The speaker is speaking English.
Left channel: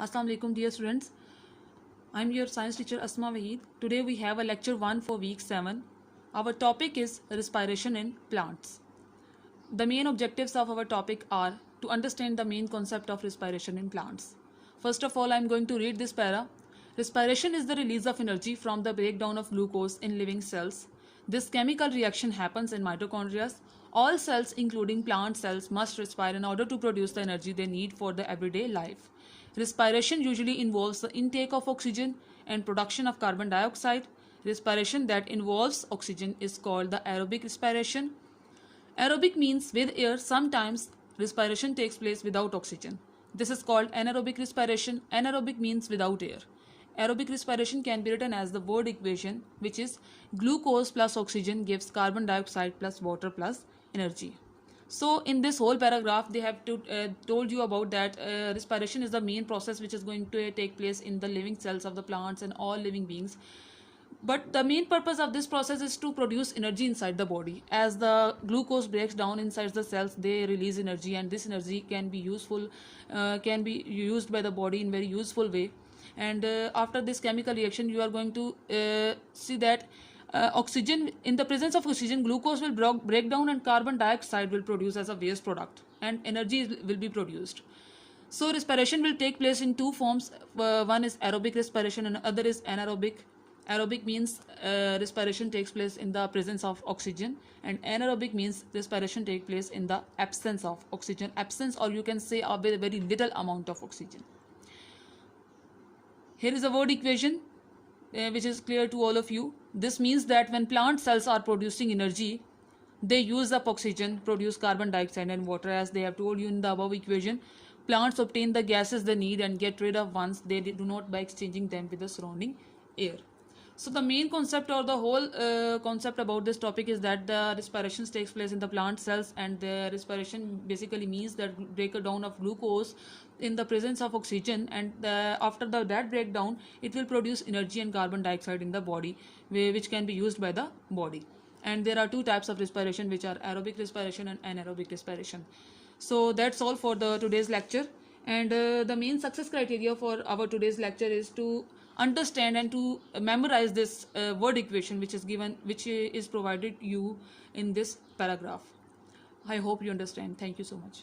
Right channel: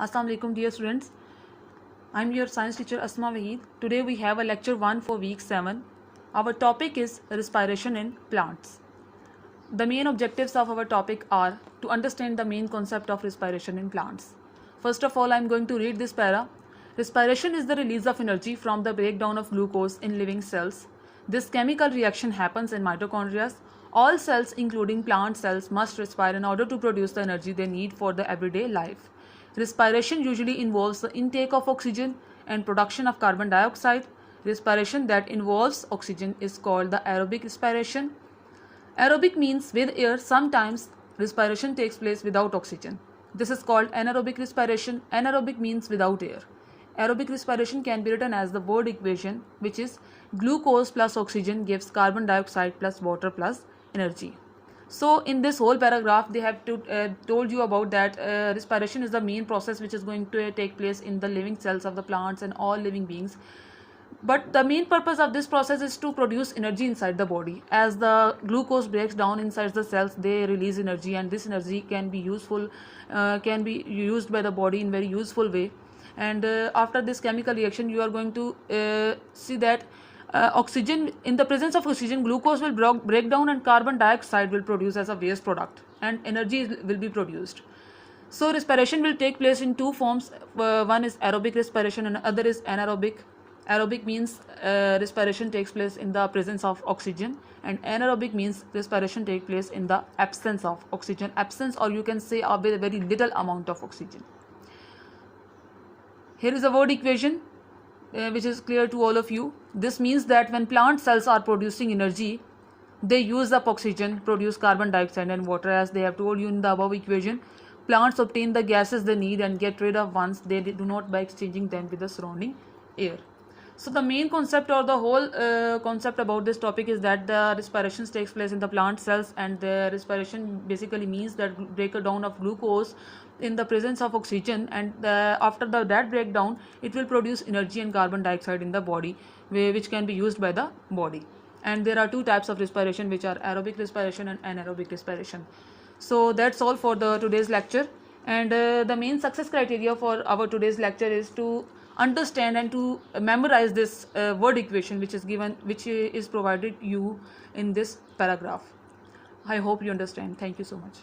Assalamu alaikum dear students. I'm your science teacher Asma Wahid. Today we have a lecture 1 for week 7. Our topic is respiration in plants. The main objectives of our topic are to understand the main concept of respiration in plants. First of all, I'm going to read this para. Respiration is the release of energy from the breakdown of glucose in living cells. This chemical reaction happens in mitochondria. All cells, including plant cells, must respire in order to produce the energy they need for the everyday life. Respiration usually involves the intake of oxygen and production of carbon dioxide. Respiration that involves oxygen is called the aerobic respiration. Aerobic means with air. Sometimes respiration takes place without oxygen. This is called anaerobic respiration. Anaerobic means without air. Aerobic respiration can be written as the word equation, which is glucose plus oxygen gives carbon dioxide plus water plus energy. So in this whole paragraph they have told you about that respiration is the main process which is going to take place in the living cells of the plants and all living beings. But the main purpose of this process is to produce energy inside the body. As the glucose breaks down inside the cells, they release energy, and this energy can be used by the body in very useful way. And after this chemical reaction, you are going to see that oxygen, in the presence of oxygen, glucose will break down and carbon dioxide will produce as a waste product, and energy will be produced. So respiration will take place in two forms. One is aerobic respiration and other is anaerobic. Aerobic means respiration takes place in the presence of oxygen, and anaerobic means respiration takes place in the absence of oxygen. Absence, or you can say with a very little amount of oxygen. Here is a word equation which is clear to all of you. This means that when plant cells are producing energy, they use up oxygen, produce carbon dioxide and water, as they have told you in the above equation. Plants obtain the gases they need and get rid of ones they do not by exchanging them with the surrounding air. So the main concept, or the whole concept about this topic, is that the respiration takes place in the plant cells, and the respiration basically means that breakdown of glucose in the presence of oxygen, and after that breakdown it will produce energy and carbon dioxide in the body, which can be used by the body. And there are two types of respiration, which are aerobic respiration and anaerobic respiration. So that's all for the today's lecture, and the main success criteria for our today's lecture is to understand and to memorize this word equation which is provided you in this paragraph. I hope you understand. Thank you so much.